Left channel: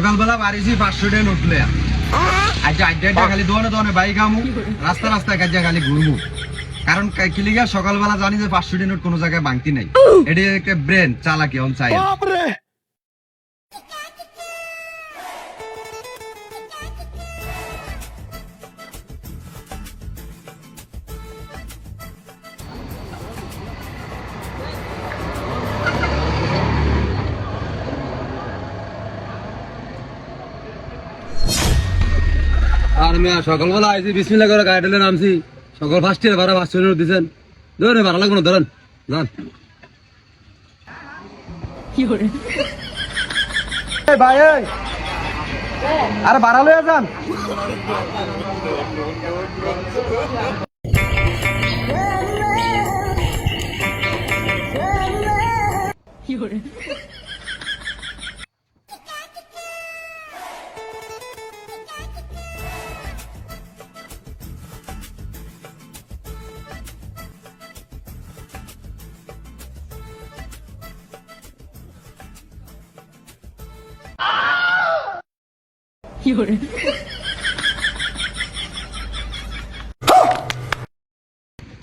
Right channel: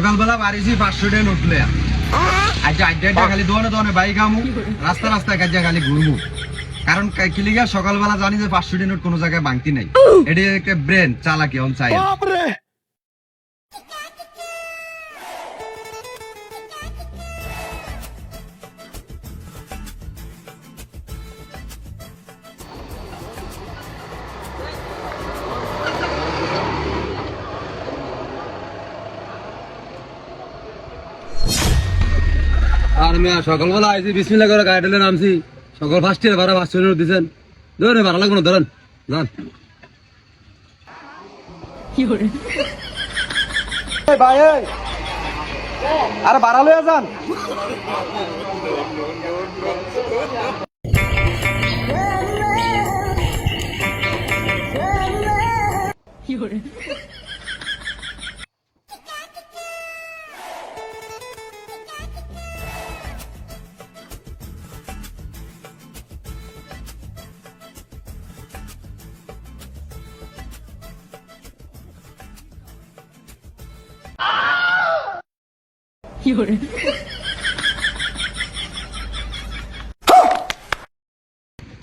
সকালবেলা বাড়িছি 500 টাকা নোট লয়া আচ্ছা আড্ডা খালি দোনে বাইক আমু রাস্তা রাস্তায় কাজে খালি ঘুরবো কারণ কিলিগা সকালবেলা জানি যে 500 টাকা নোট কোনো জায়গায় বাংতি নাই এটি একটা ব্রেন চালাকি অন চাই আর আমি সকালবেলা আইছি বিসমিল্লাহ করে গাড়িতে নামছি সকাল ফার্স্ট ইয়ার ভাড়া 500 টাকা দিছেন ধরে ভাড়া লাগবে না ধরেন যান কি করে ভাই আরে ভাড়া লয়ে যান নো নো নো নো কি করে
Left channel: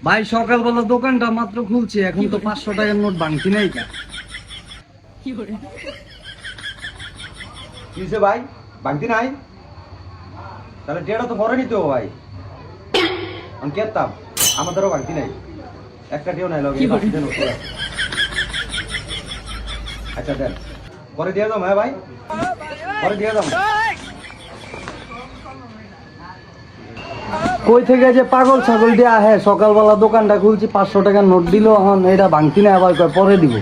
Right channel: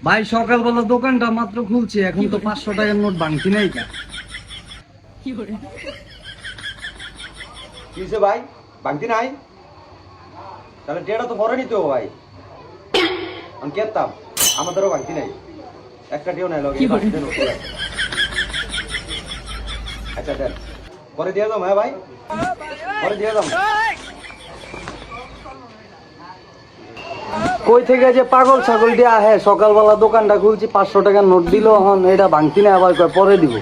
ভাই সকালবেলা দোকানটা মাত্র খুলছি এখন তো 500 টাকার নোট বাংতি নাই কা কিসে ভাই বাংতি নাই তাহলে ডেটা তো পরে নিতে হবে ভাই আমি কেতাম আমি ধরো বাংতি নাই একটা ডিও নাই লগে আচ্ছা দেন পরে দিয়ে দাও ভাই পরে দিয়ে দাও কই থেকে যে পাগল ছাগল দিয়ে আহে সকালবেলা দোকানটা খুলছি 500 টাকার নোট দিল এখন এটা ভাঙতি না আবার পরে দিব